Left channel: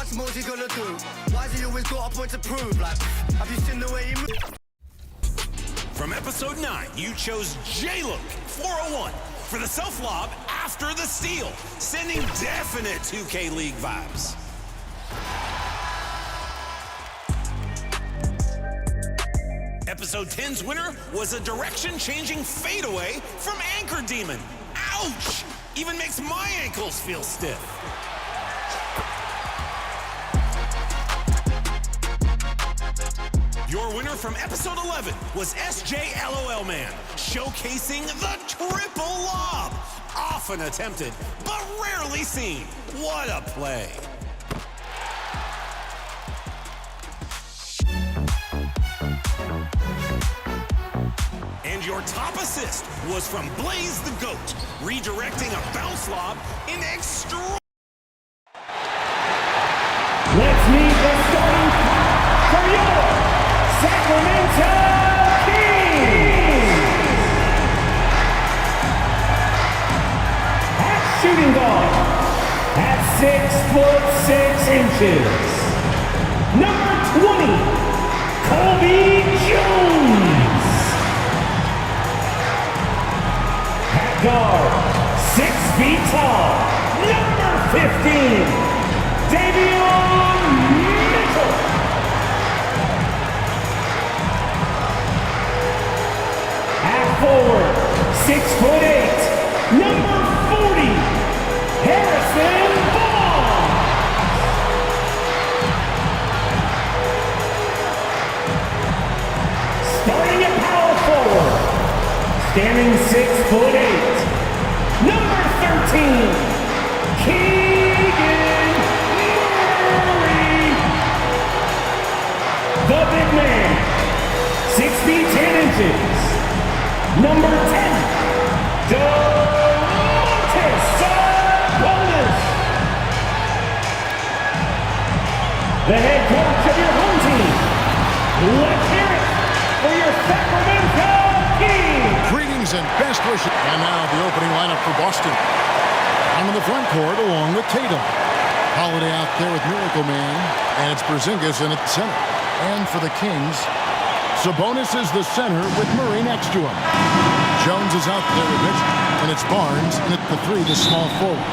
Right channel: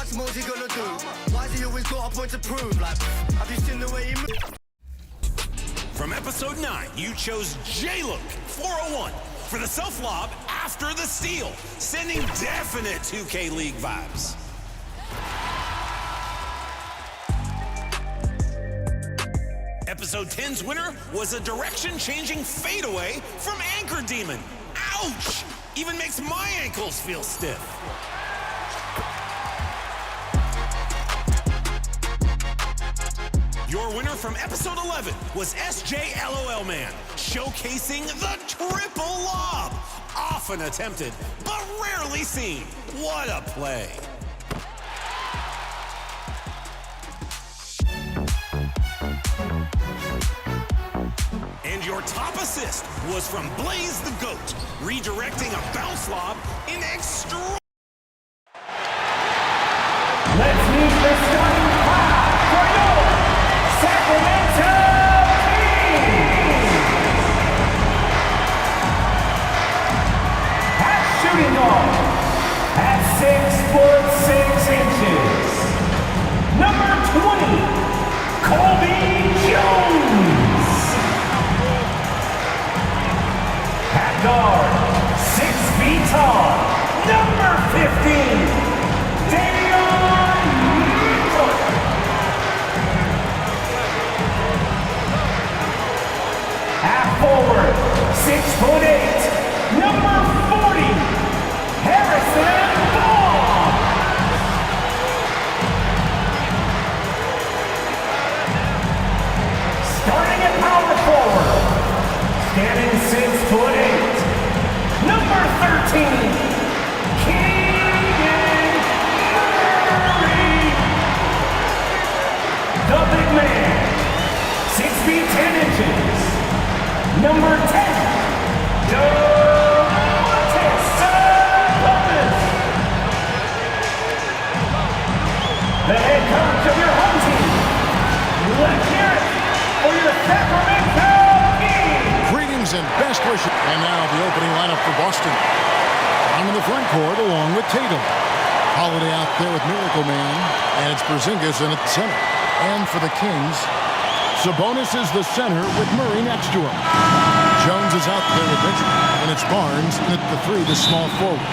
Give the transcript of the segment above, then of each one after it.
much more is he gonna do? Why's he always got a point to prove? Like, have you seen the way he moves? From episode 9, you chose J-Look 401 for the self-lob after the steal, sending definite 2K League vibes. Episode 10's winner was a direction-changing fadeaway from Anchor Demon. Ouch! Even makes my ankles feel stiff. Your winner from episode 11 was SJLOL Man, showcasing the triple lob. Often attempted, but rarely seen. What a play. And your top assist was from Blaze the Goat, redirecting a bounce lob in extra. Let's meet the starting five for your Sacramento Kings. At shooting guard, at 6'6" number 20, Colby Jones. At guard, 6 feet tall, number 15, Davion Mitchell. At forward, 6'8", number 40, Harrison Barnes. Starting at power forward, standing 6'8", number 13, Keegan Murray. The big man, 6 feet 10 inches, number 10, Domantas Sabonis. The head coach of your home team. Let's hear it for your Sacramento Kings. Greetings and best wishes. And now the opening lineup for Boston. I'm in the front court along with Tatum. Holiday out there with Miracle Man, and it's Porzingis in at the center. And for the Kings, Sabonis is the center with Murray next to him. Jones is out there with Mitchell, and it's Barnes in at the 3, the small forward.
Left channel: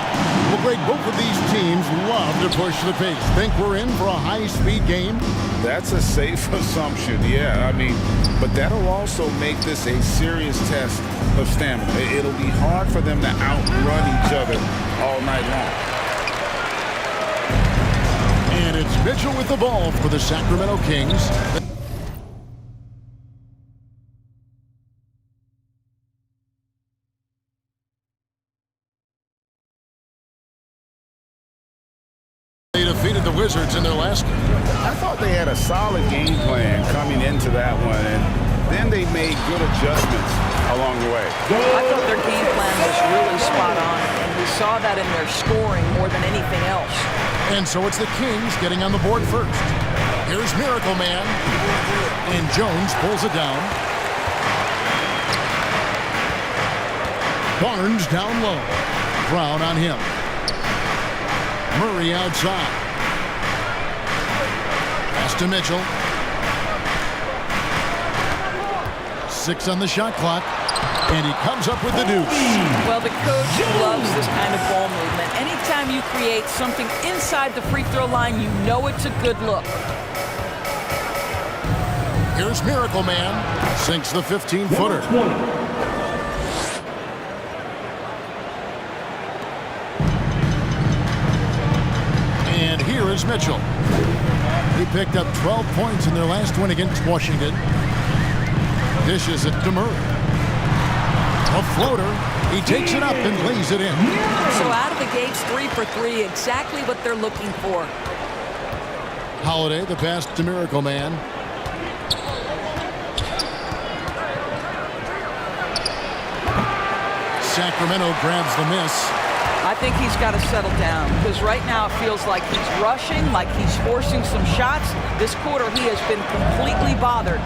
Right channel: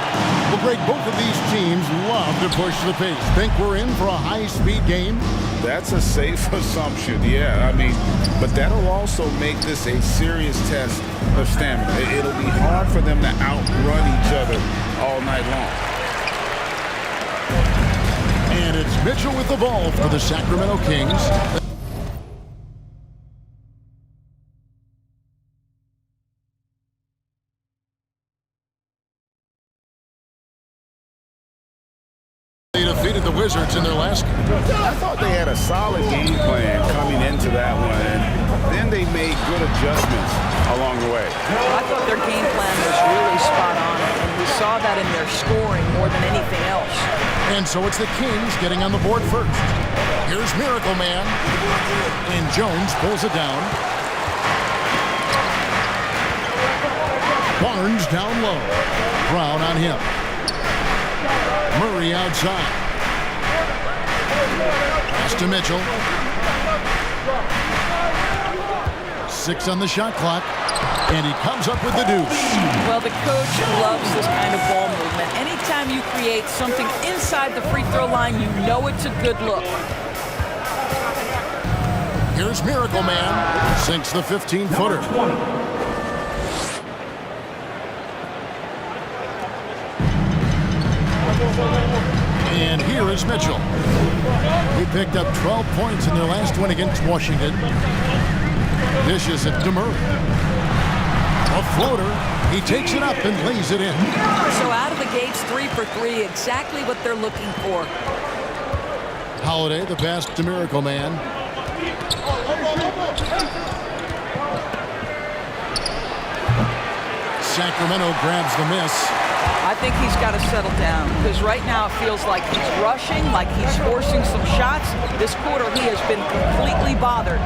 Well, Greg, both of these teams love to push the pace. Think we're in for a high-speed game? That's a safe assumption, yeah. I mean, but that'll also make this a serious test of stamina. It'll be hard for them to outrun each other all night long. And it's Mitchell with the ball for the Sacramento Kings. They defeated the Wizards in their last game. I thought they had a solid game plan coming into that one, and then they made good adjustments along the way. I thought their game plan was really spot on, and we saw that in their scoring more than anything else. And so it's the Kings getting on the board first. Here's Miracle Man, and Jones pulls it down. Barnes down low. Brown on him. Murray outside. Pass to Mitchell. 6 on the shot clock. And he comes up with the deuce. Well, the coach loves this kind of ball movement. Anytime you create something inside the free throw line, you know it's a good look. Here's Miracle Man. Sinks the 15-footer. And here is Mitchell. He picked up 12 points in their last win against Washington. Dishes it to Murray. A floater. He takes it up and lays it in. So out of the gates, 3 for 3, exactly what they're looking for. Holiday, the pass to Miracle Man. Sacramento grabs the miss. I think he's got to settle down, because right now it feels like he's rushing, like he's forcing some shots. This quarter, he has been completely bothered.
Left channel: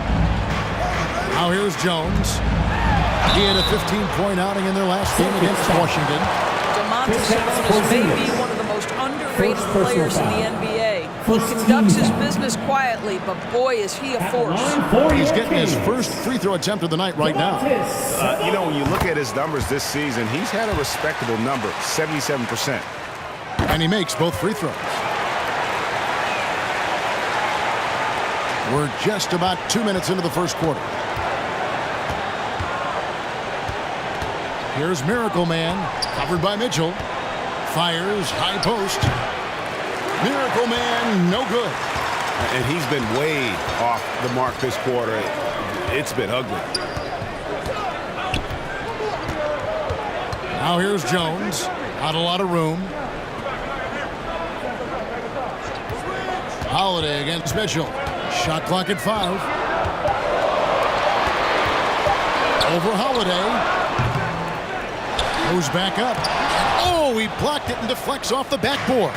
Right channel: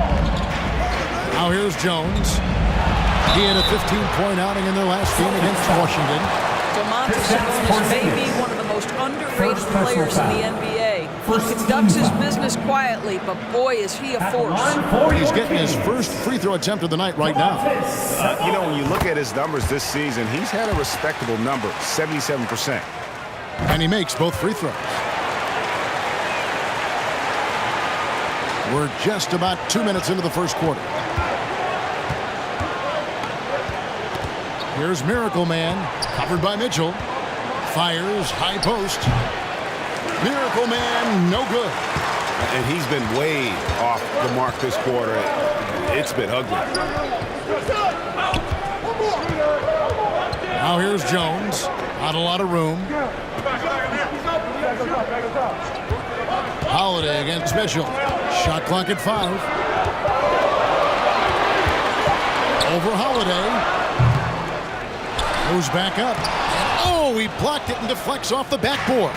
Now here's Jones. He had a 15-point outing in their last game against Washington. Domantas Sabonis may be one of the most underrated players in the NBA. He conducts his business quietly, but boy, is he a force. He's getting his first free throw attempt of the night right now. You know, when you look at his numbers this season, he's had a respectable number, 77%. And he makes both free throws. We're just about 2 minutes into the first quarter. Here's Miracle Man, covered by Mitchell. Fires, high post. Miracle Man, no good. And he's been way off the mark this quarter. It's been ugly. Now here's Jones. Not a lot of room. Holiday against Mitchell. Shot clock at 5. Over Holiday. Goes back up. And oh, he blocked it and deflects off the backboard.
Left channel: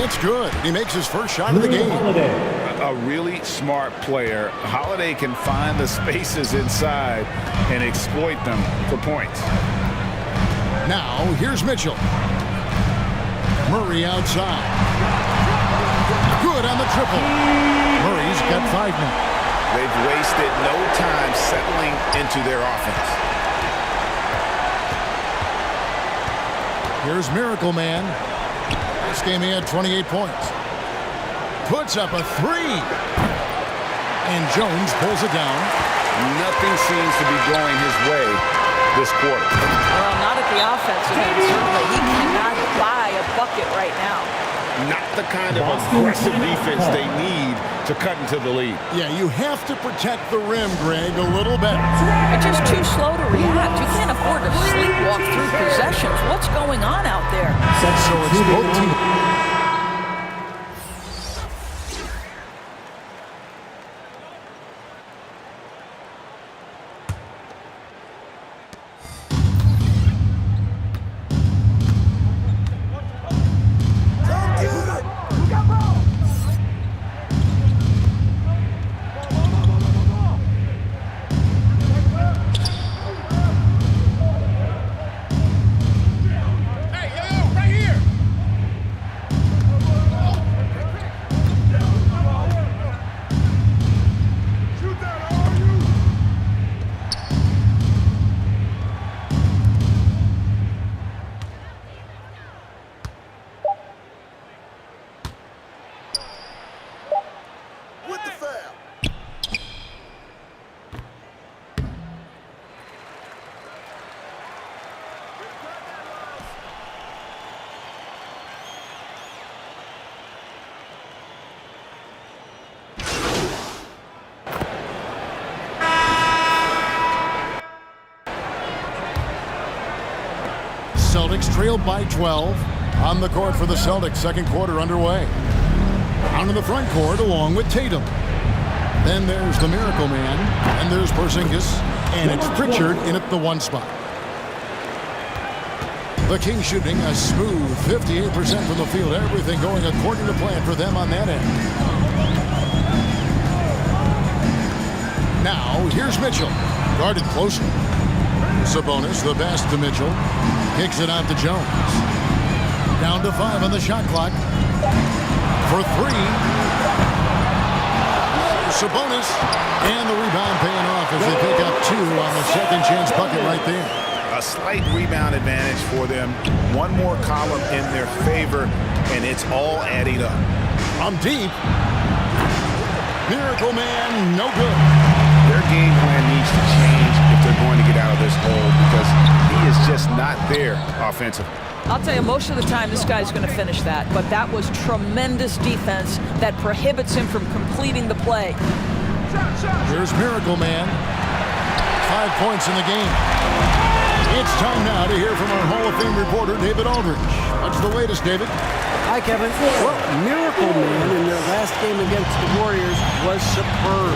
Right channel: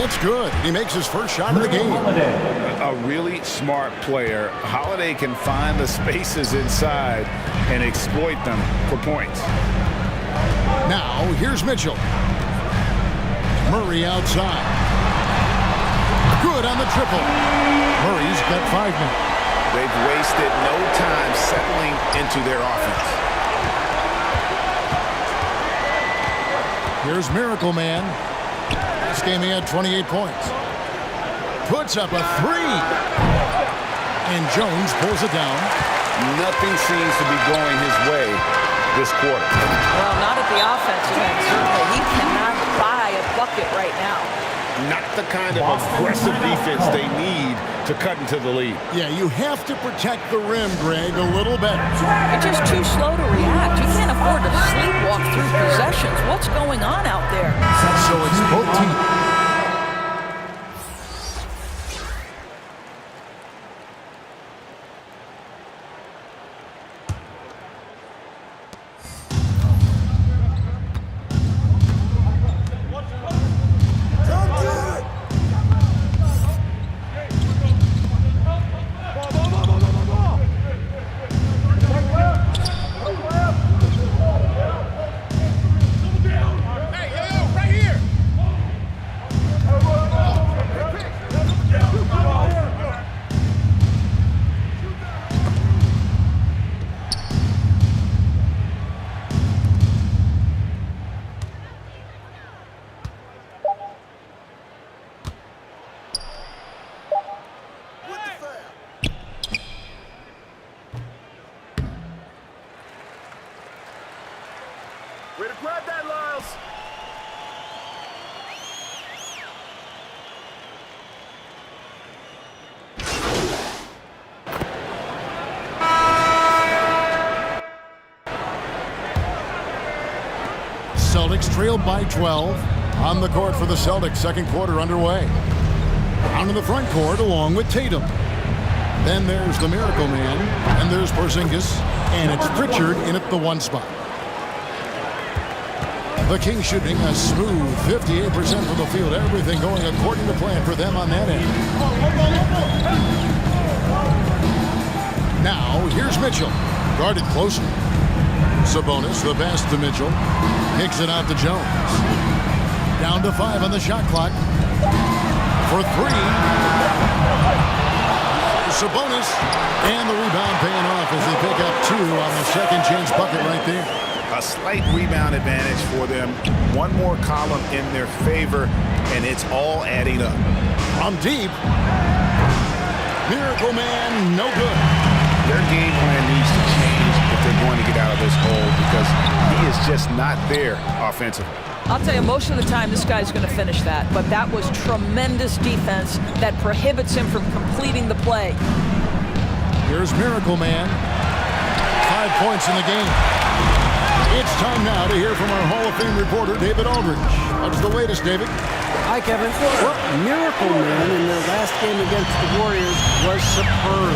It's good. He makes his first shot of the game. A really smart player. Holiday can find the spaces inside and exploit them for points. Now, here's Mitchell. Murray outside. Good on the triple. Murray's got 5 now. They've wasted no time settling into their offense. Here's Miracle Man. This game he had 28 points. Puts up a 3. And Jones pulls it down. Nothing seems to be going his way this quarter. Well, not at the offensive end, certainly. He cannot buy a bucket right now. Not the kind of aggressive defense they need to cut into the lead. Yeah, you have to protect the rim, Greg, a little better. They're just too slow to react. You can't afford to sleepwalk through possessions. What's going on out there? So it's both teams. Celtics trailed by 12. On the court for the Celtics, second quarter underway. Down in the front court along with Tatum. Then there's the Miracle Man. And there's Porzingis. And it's Pritchard in at the 1 spot. The Kings shooting a smooth 58% from the field. Everything going according to plan for them on that end. Now, here's Mitchell. Guarded closely. Sabonis, the pass to Mitchell. Kicks it out to Jones. Down to 5 on the shot clock. For 3. Sabonis. And the rebound paying off as they pick up 2 on the second chance bucket right there. A slight rebound advantage for them. One more column in their favor, and it's all adding up. From deep. Miracle Man, no good. Their game plan needs to change if they're going to get out of this hole because he is just not there offensively. I'll tell you, most of the time this guy's going to finish that, but that was tremendous defense that prohibits him from completing the play. Here's Miracle Man. 5 points in the game. It's time now to hear from our Hall of Fame reporter, David Aldridge. What's the latest, David? Hi, Kevin. Well, Miracle Man in the last game against the Warriors was superb.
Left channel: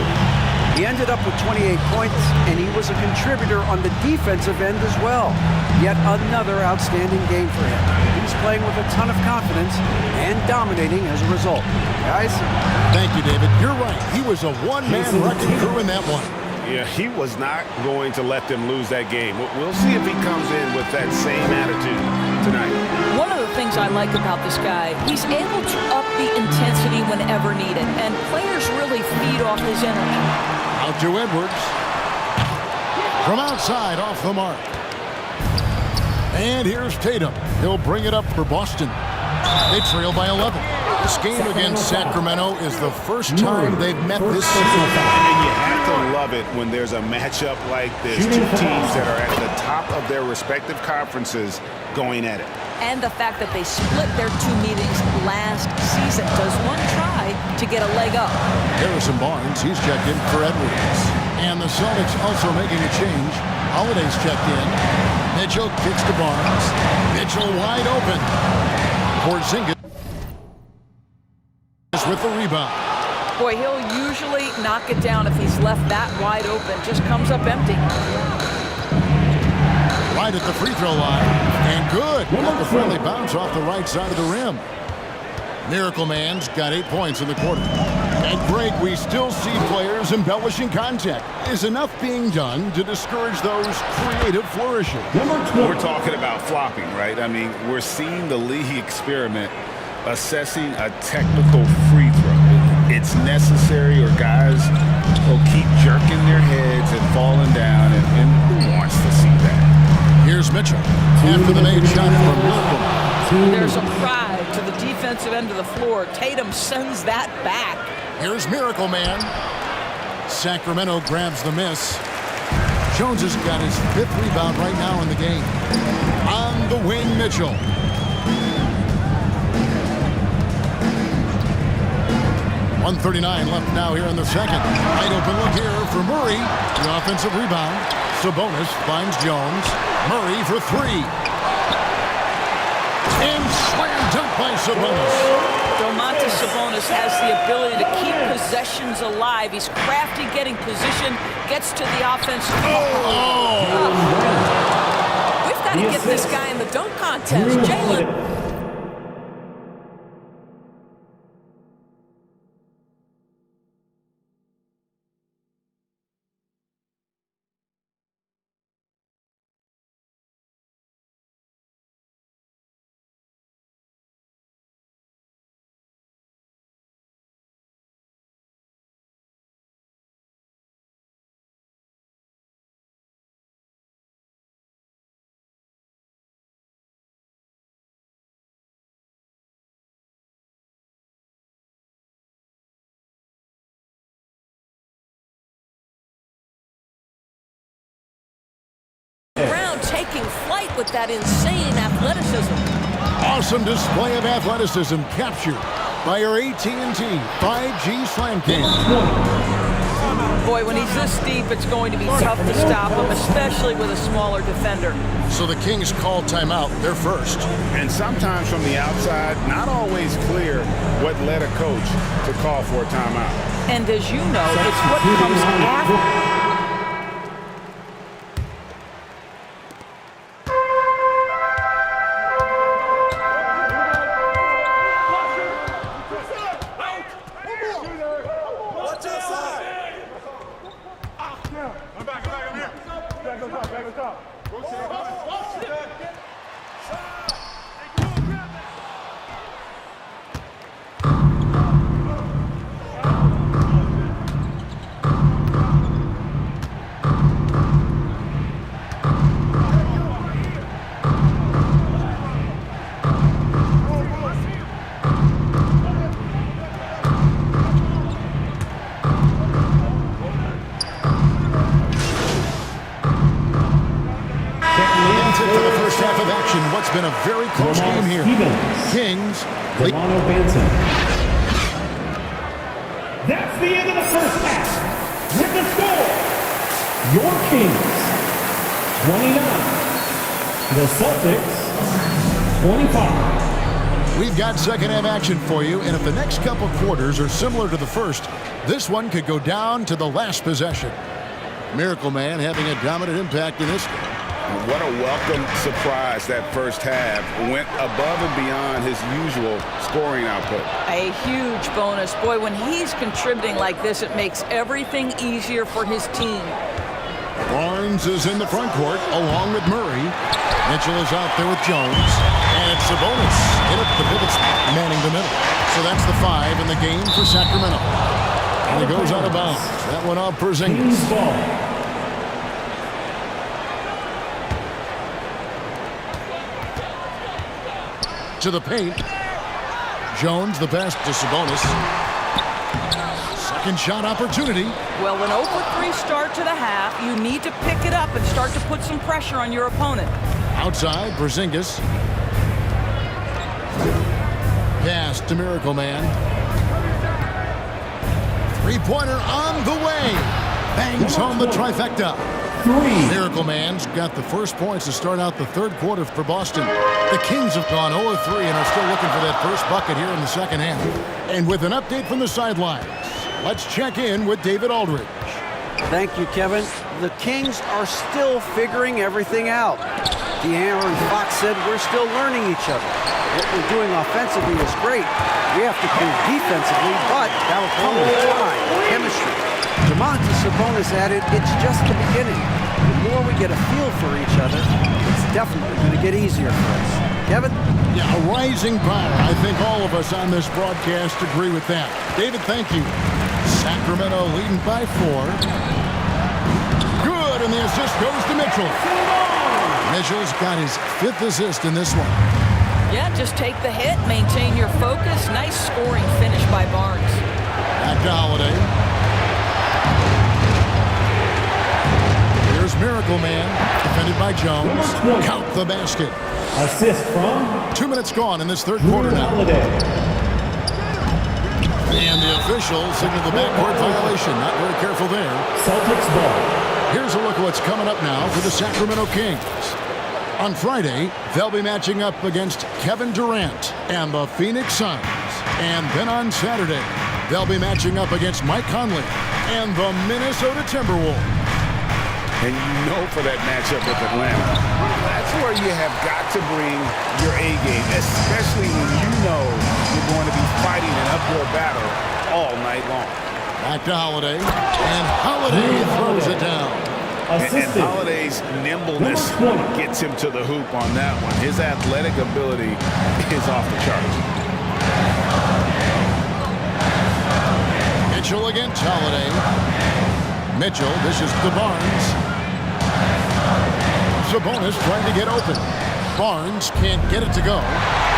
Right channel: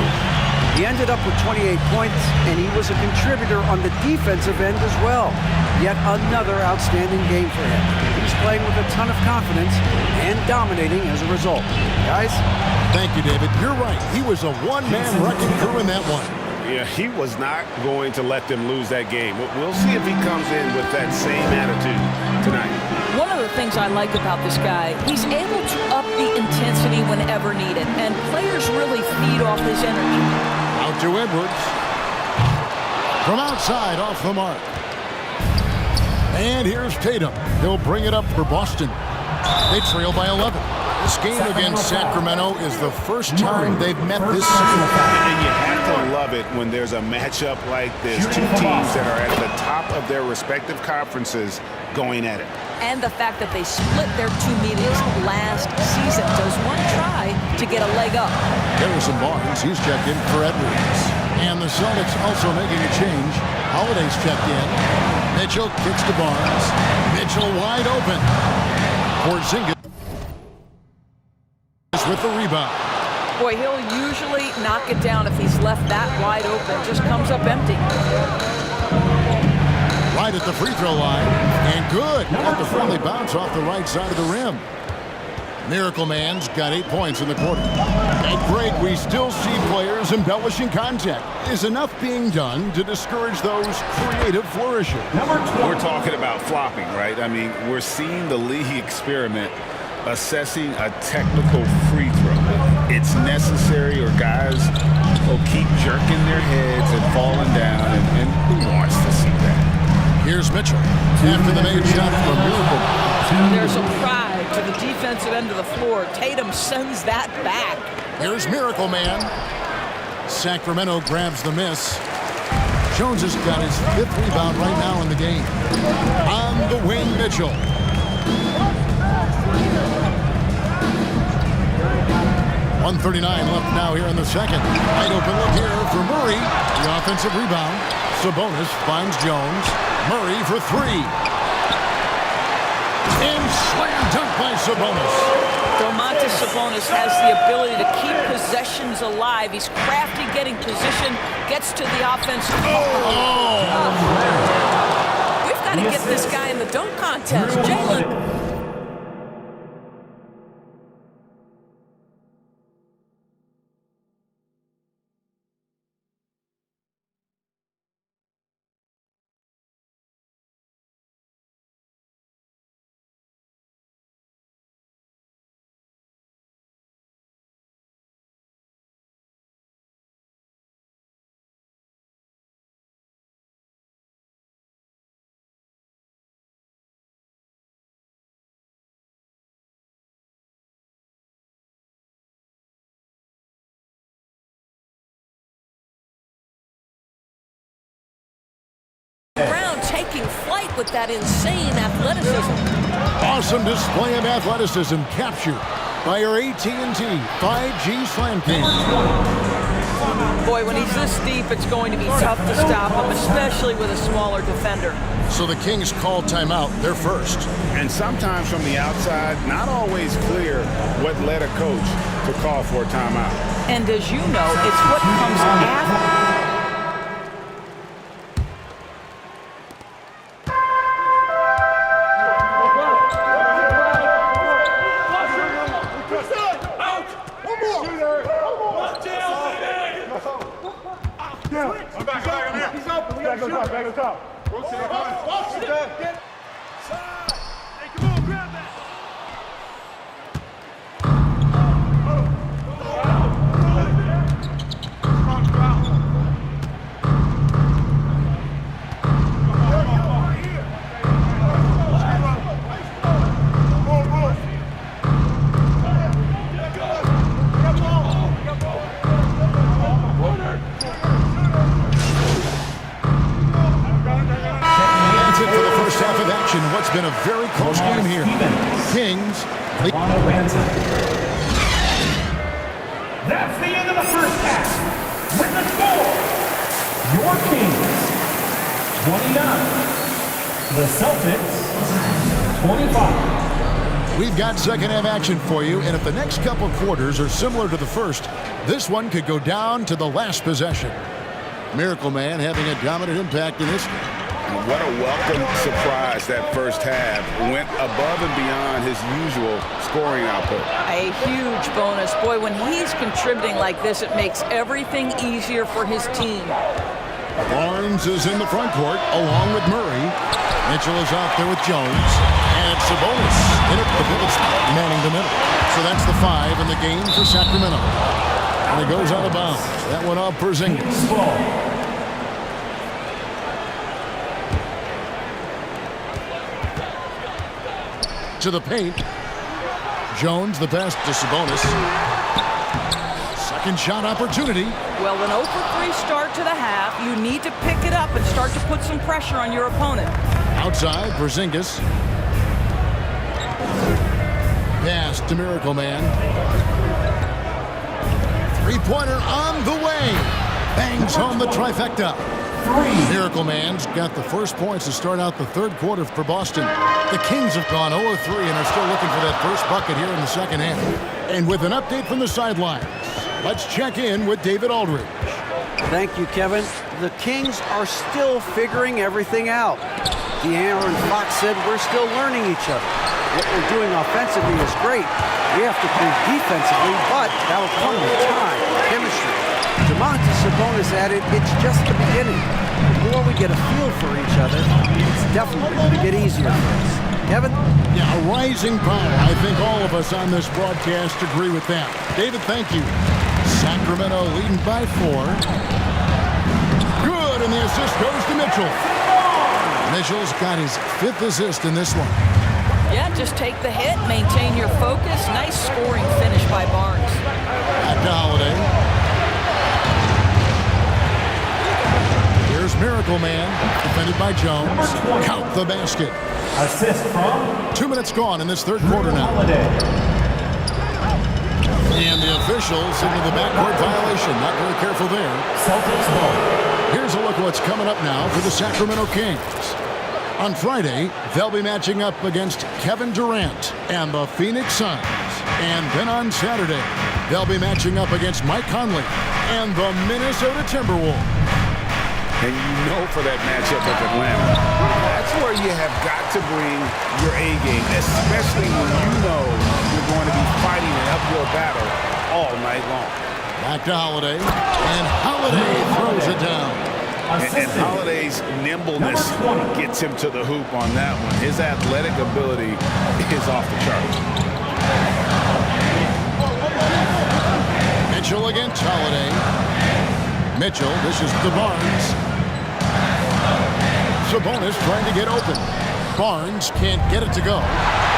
He ended up with 28 points, and he was a contributor on the defensive end as well. Yet another outstanding game for him. He's playing with a ton of confidence and dominating as a result. Guys? Thank you, David. You're right. He was a one-man wrecking crew in that one. Yeah, he was not going to let them lose that game. We'll see if he comes in with that same attitude tonight. things I like about this guy. He's able to up the intensity whenever needed, and players really feed off his energy. Out to Edwards. From outside, off the mark. And here's Tatum. He'll bring it up for Boston. They trail by 11. This game against Sacramento is the first time they've met this season. And you have to love it when there's a matchup like this. Two teams that are at the top of their respective conferences going at it. And the fact that they split their 2 meetings last season. Does one try to get a leg up? Harrison Barnes, he's checked in for Edwards. And the Celtics also making a change. Holiday's checked in. Mitchell kicks to Barnes. Mitchell wide open. Porzingis with the rebound. Boy, he'll usually knock it down if he's left that wide open. Just comes up empty. Right at the free throw line. And good. Got the friendly bounce off the right side of the rim. Miracle Man's got 8 points in the quarter. And Greg, we still see players embellishing contact. Is enough being done to discourage those creative flourishes? We're talking about flopping, right? I mean, we're seeing the league experiment assessing a technical free throw. It's necessary or guys will keep jerking their heads and falling down, and who wants to see that? Here's Mitchell after the made shot from Miracle. There's a pride to the defensive end of the floor. Tatum sends that back. Here's Miracle Man. Sacramento grabs the miss. Jones has got his 5th rebound right now in the game. On the wing, Mitchell. .139 left now here in the second. Wide open look here for Murray. The offensive rebound. Sabonis finds Jones. Murray for 3. And slam dunk by Sabonis. Domantas Sabonis has the ability to keep possessions alive. He's crafty getting position, gets to the offense. We've got to get this guy in the dunk contest. Jalen. Brown taking flight with that insane athleticism. Awesome display of athleticism captured by our AT&T 5G Slam King. Boy, when he's this deep, it's going to be tough to stop him, especially with a smaller defender. So the Kings call timeout. They're first. And sometimes from the outside, not always clear what led a coach to call for a timeout. And as you know, it's what comes after. Half of action. What's been a very close game here. Kings lead. That's the end of the first half. With the score, your Kings 29, the Celtics 25. We've got second half action for you, and if the next couple quarters are similar to the first, this one could go down to the last possession. Miracle Man having a dominant impact in this game. What a welcome surprise that first half. Went above and beyond his usual scoring output. A huge bonus. Boy, when he's contributing like this, it makes everything easier for his team. Barnes is in the front court along with Murray. Mitchell is out there with Jones. And And it's Sabonis in at the pivot spot, manning the middle. So that's the 5 in the game for Sacramento. And it goes out of bounds. That went off Porzingis. To the paint. Jones, the pass to Sabonis. Second shot opportunity. Well, an 0 for 3 start to the half. You need to pick it up and start to put some pressure on your opponent. Outside, Porzingis. Pass to Miracle Man. Three-pointer on the way. Bangs home the trifecta. Miracle Man's got the first points to start out the third quarter for Boston. The Kings have gone 0-3 and are still looking for that first bucket here in the second half. And with an update from the sidelines, let's check in with David Aldridge. Thank you, Kevin. The Kings are still figuring everything out. De'Aaron Fox said we're still learning each other. What we're doing offensively is great. We have to prove defensively, but that'll come with time, chemistry. Domantas Sabonis added, it's just the beginning. The more we get a feel for each other, it's definitely going to get easier for us. Kevin? Yeah, a rising power. I think all of us on this broadcast agree with that. David, thank you. Sacramento leading by 4. Good, and the assist goes to Mitchell. Mitchell's got his 5th assist in this one. Yeah, just take the hit, maintain your focus. Nice scoring finish by Barnes. Back to Holiday. Here's Miracle Man, defended by Jones. Count the basket. Assist from 2 minutes gone in this third quarter now. Holiday. And the officials signal the backcourt violation. Not very careful there. Celtics ball. Here's a look at what's coming up now for the Sacramento Kings. On Friday, they'll be matching up against Kevin Durant and the Phoenix Suns. And then on Saturday, they'll be matching up against Mike Conley and the Minnesota Timberwolves. And you know for that matchup with Atlanta, that's where you have got to bring your A game, especially when you know you're going to be fighting an uphill battle all night long. Back to Holiday, and Holiday throws it down. And Holiday's nimbleness gets him to the hoop on that one. His athletic ability is off the charts. Mitchell against Holiday. Mitchell dishes to Barnes. Sabonis trying to get open. Barnes can't get it to go.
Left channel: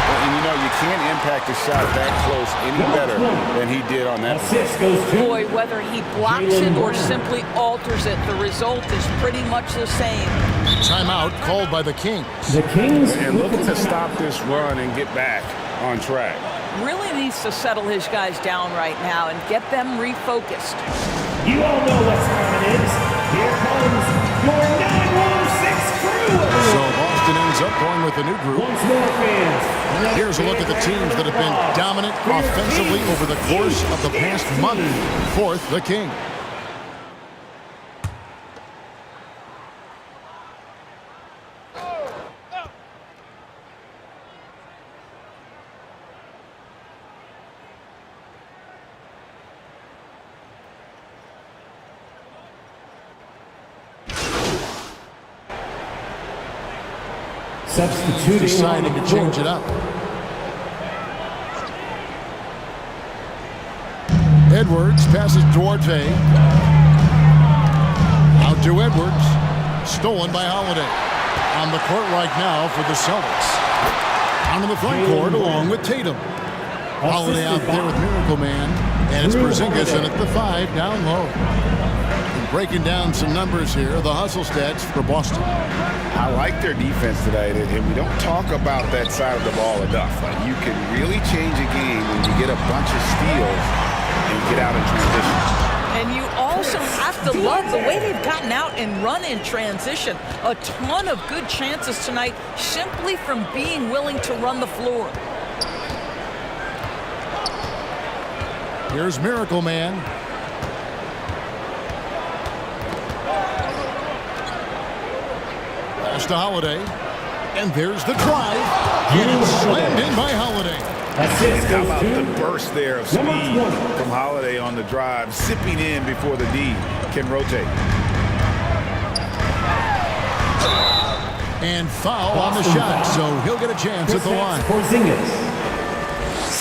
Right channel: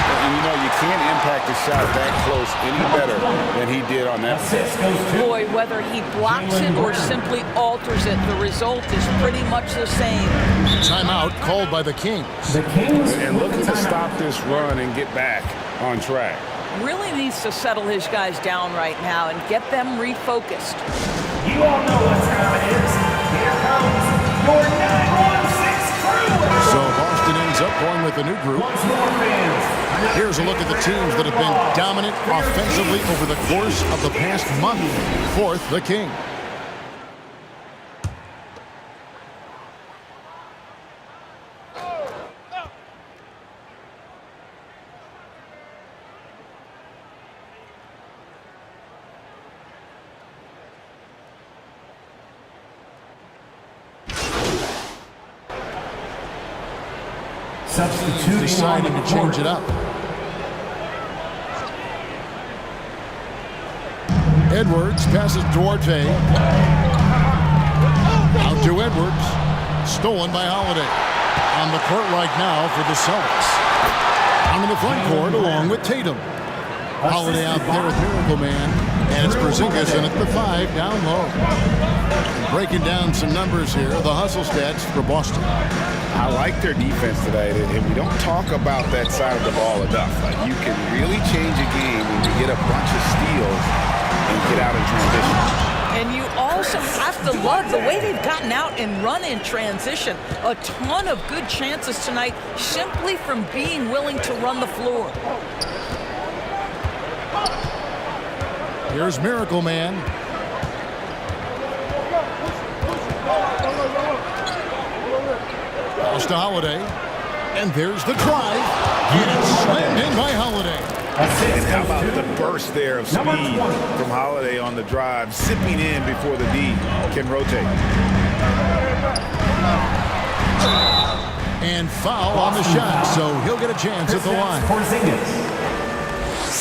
And you know, you can't impact a shot that close any better than he did on that. Assist goes to Boy, whether he blocks it or simply alters it, the result is pretty much the same. Timeout called by the Kings. the Kings. And looking to stop this run and get back on track. Really needs to settle his guys down right now and get them refocused. You all know what time it is. Here comes your 916 crew. So Boston ends up going with a new group. Once more, fans. Here's a look at the teams that have been dominant offensively over the course of the past month. Fourth, the Kings. Substituting Deciding to change it up. Edwards passes Duarte. Out to Edwards. Stolen by Holiday. On the court right now for the Celtics. On in the front court along with Tatum. Holiday out there with Miracle Man. And it's Porzingis in at the 5 down low. And breaking down some numbers here, the hustle stats for Boston. I like their defense today, and we don't talk about that side of the ball enough. You can really change a game when you get a bunch of steals and get out in transition. And you also have to love the way they've gotten out and run in transition. A ton of good chances tonight simply from being willing to run the floor. Here's Miracle Man. Pass to Holiday. And there's the drive. And it's slammed in by Holiday. And how about the burst there of speed from Holiday on the drive, zipping in before the D can rotate. And foul on the shot, so he'll get a chance at the line.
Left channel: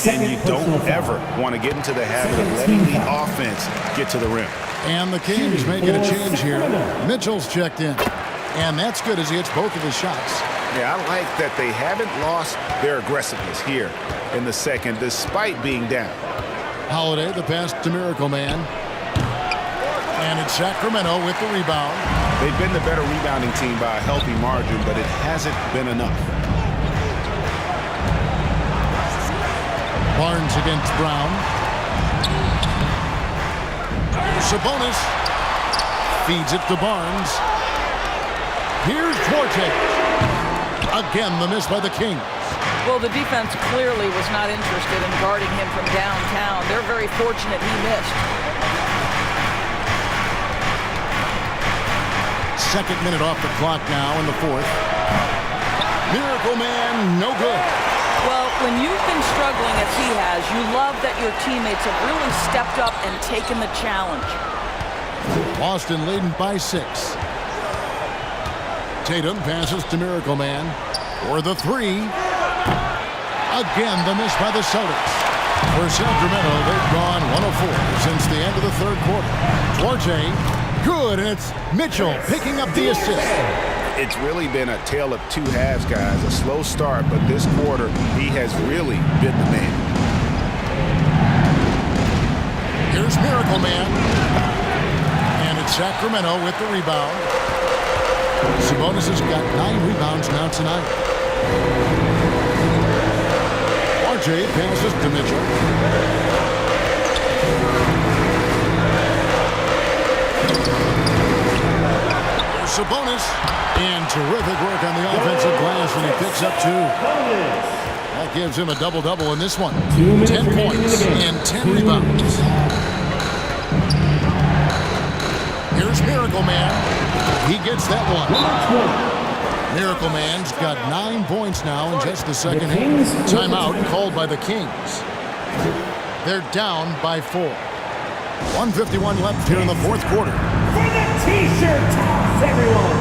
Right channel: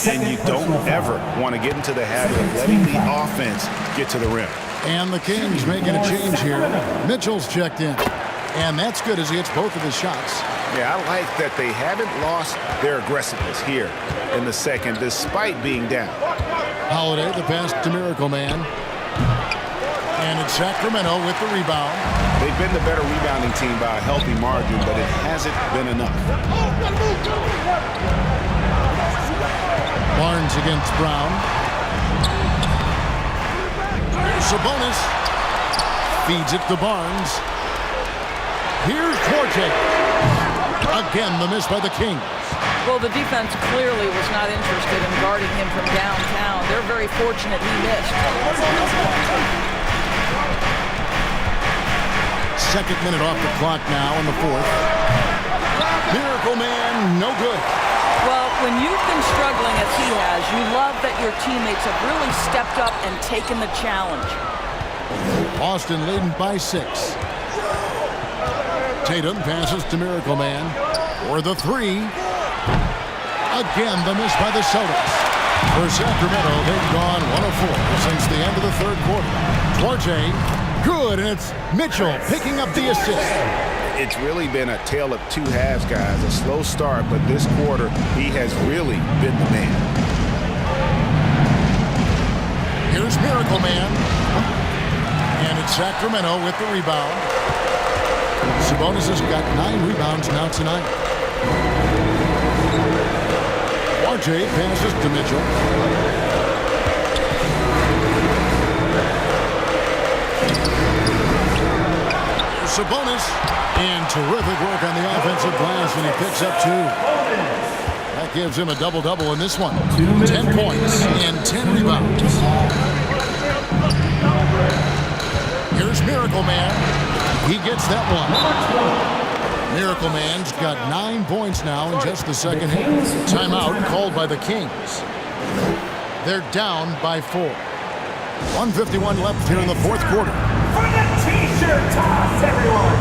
And you don't ever want to get into the habit of letting the offense get to the rim. And the Kings making a change here. Mitchell's checked in. And that's good as he hits both of his shots. Yeah, I like that they haven't lost their aggressiveness here in the second, despite being down. Holiday, the pass to Miracle Man. And it's Sacramento with the rebound. They've been the better rebounding team by a healthy margin, but it hasn't been enough. Barnes against Brown. Sabonis feeds it to Barnes. Here's Duarte. Again, the miss by the Kings. Well, the defense clearly was not interested in guarding him from downtown. They're very fortunate he missed. Second minute off the clock now in the fourth. Miracle Man, no good. Well, when you've been struggling as he has, you love that your teammates have really stepped up and taken the challenge. Boston leading by 6. Tatum passes to Miracle Man for the 3. Again, the miss by the Celtics. For Sacramento, they've gone 1 of 4 since the end of the third quarter. Duarte, good, and it's Mitchell picking up the assist. It's really been a tale of two halves, guys. A slow start, but this quarter, he has really been the man. Here's Miracle Man. And it's Sacramento with the rebound. Sabonis has got 9 rebounds now tonight. RJ passes to Mitchell. There's Sabonis. And terrific work on the offensive glass, and he picks up 2. That gives him a double-double in this one. 10 points and 10 rebounds. Here's Miracle Man. He gets that one. Miracle Man's got 9 points now in just the second half. Timeout called by the Kings. They're down by 4. 1:51 left here in the fourth quarter. For the T-shirt toss, everyone.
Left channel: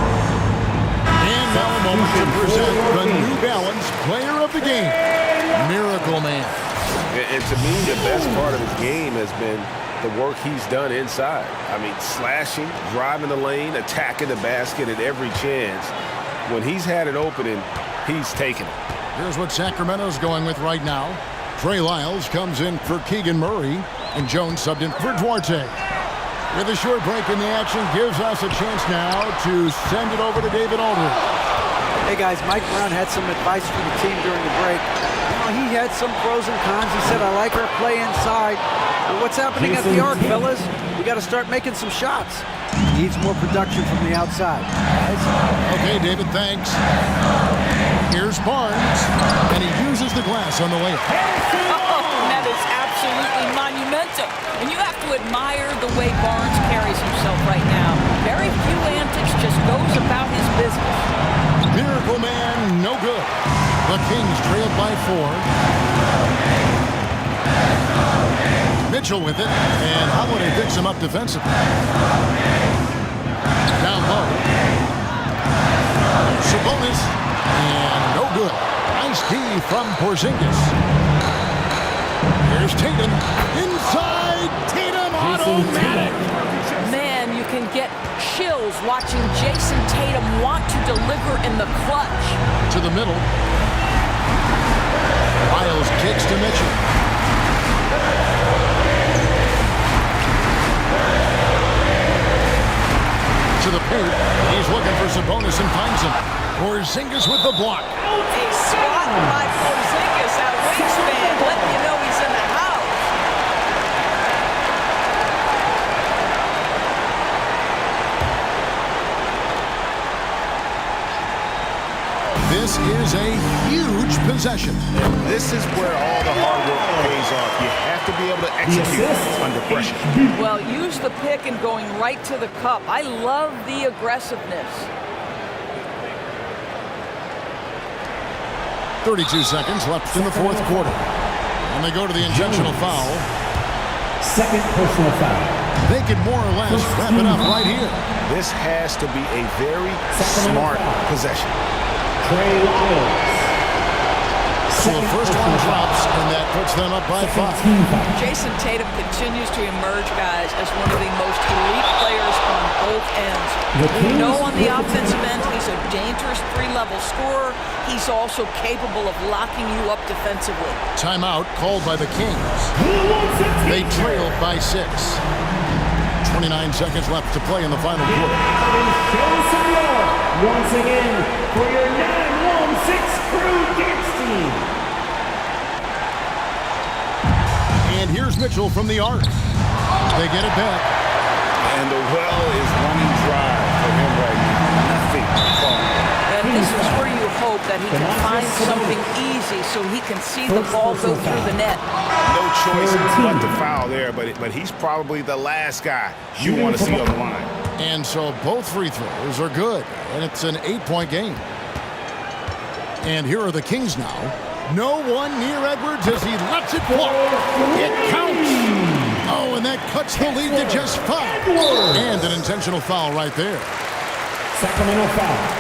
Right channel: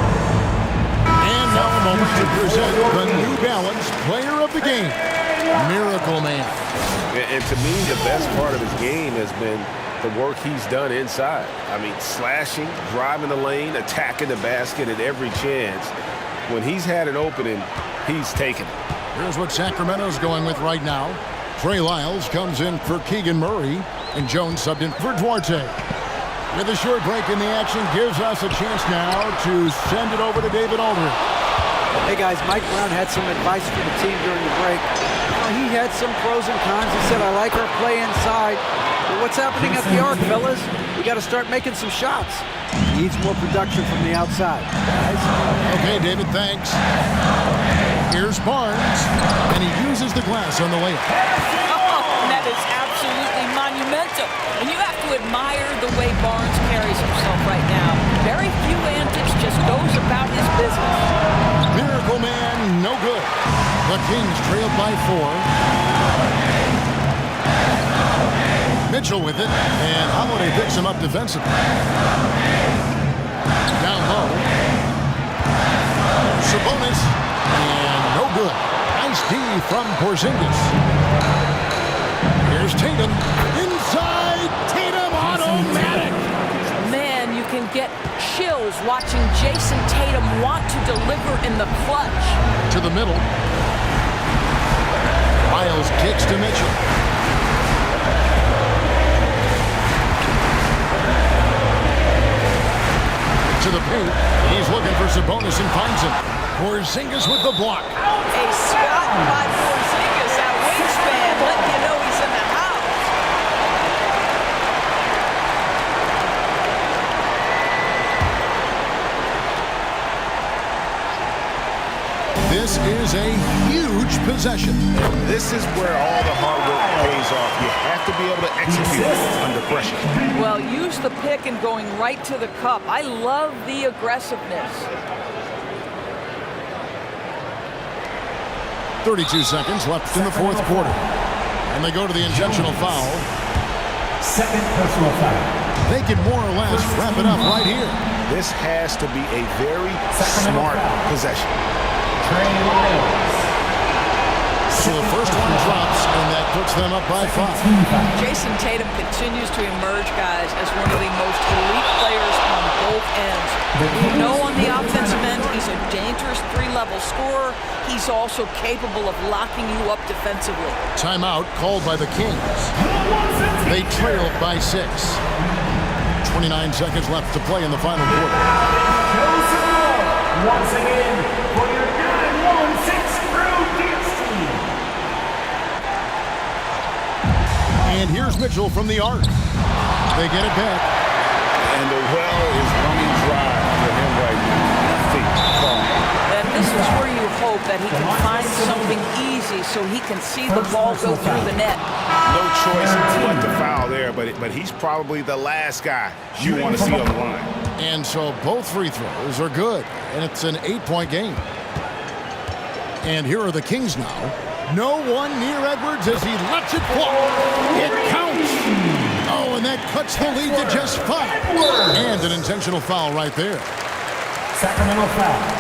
And now a moment to present the New Balance Player of the Game, Miracle Man. And to me, the best part of his game has been the work he's done inside. I mean, slashing, driving the lane, attacking the basket at every chance. When he's had an opening, he's taken it. Here's what Sacramento's going with right now. Trey Lyles comes in for Keegan Murray, and Jones subbed in for Duarte. With a short break in the action, gives us a chance now to send it over to David Aldridge. Hey guys, Mike Brown had some advice for the team during the break. You know, he had some pros and cons. He said, I like our play inside. But what's happening at the arc, fellas? We got to start making some shots. Needs more production from the outside. Guys. Okay, David, thanks. Here's Barnes, and he uses the glass on the layup. Oh, that is absolutely monumental. And you have to admire the way Barnes carries himself right now. Very few antics, just goes about his business. Miracle Man, no good. The Kings trailed by 4. Mitchell with it, and Holiday picks him up defensively. Down low. Sabonis, and no good. Nice D from Porzingis. Here's Tatum. Inside, Tatum automatic. Man, you can get chills watching Jason Tatum want to deliver in the clutch. To the middle. Miles kicks to Mitchell. To the paint. He's looking for Sabonis and finds him. Porzingis with the block. A swat by Porzingis. That wingspan letting you know he's in the house. This is a huge possession. And this is where all the hard work pays off. You have to be able to execute under pressure. Well, use the pick and going right to the cup. I love the aggressiveness. 32 seconds left in the fourth quarter. And they go to the intentional foul. Second personal foul. They can more or less wrap it up right here. This has to be a very smart possession. Trey Lyles. So the first one drops, and that puts them up by 5. Team foul. Jason Tatum continues to emerge, guys, as one of the most elite players on both ends. We know on the offensive end, he's a dangerous 3-level scorer. He's also capable of locking you up defensively. Timeout called by the Kings. They trailed by 6. 29 seconds left to play in the final quarter. Show some love once again for your 916 Crew Dance Team. And here's Mitchell from the arc. They get it back. And the well is running dry for him right now. Nothing falling. And this is where you hope that he can find something easy so he can see the ball go through the net. No choice but to foul there, but he's probably the last guy you want to see on the line. And so both free throws are good, and it's an 8-point game. And here are the Kings now. No one near Edwards as he lets it fly. It counts. Oh, and that cuts the lead to just 5. And an intentional foul right there. Sacramento foul.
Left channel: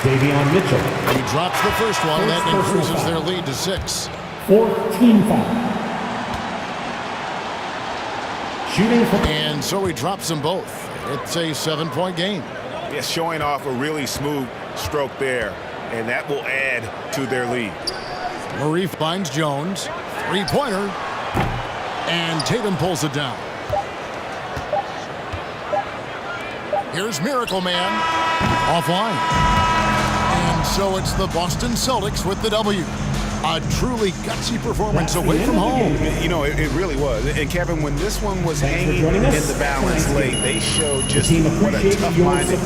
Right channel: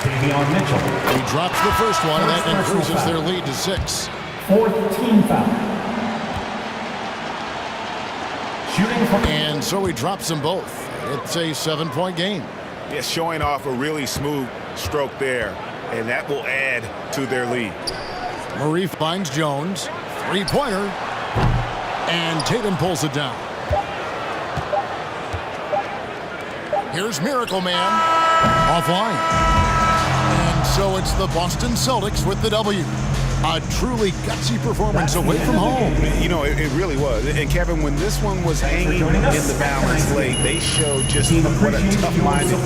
Davion Mitchell. He drops the first one, and that increases their lead to 6. 4th team foul. Shooting for... And so he drops them both. It's a 7-point game. Yeah, showing off a really smooth stroke there, and that will add to their lead. Murray finds Jones. 3-pointer. And Tatum pulls it down. Here's Miracle Man. Offline. And so it's the Boston Celtics with the W. A truly gutsy performance away from home. You know, it really was. And Kevin, when this one was hanging in the balance late, they showed just what a tough-minded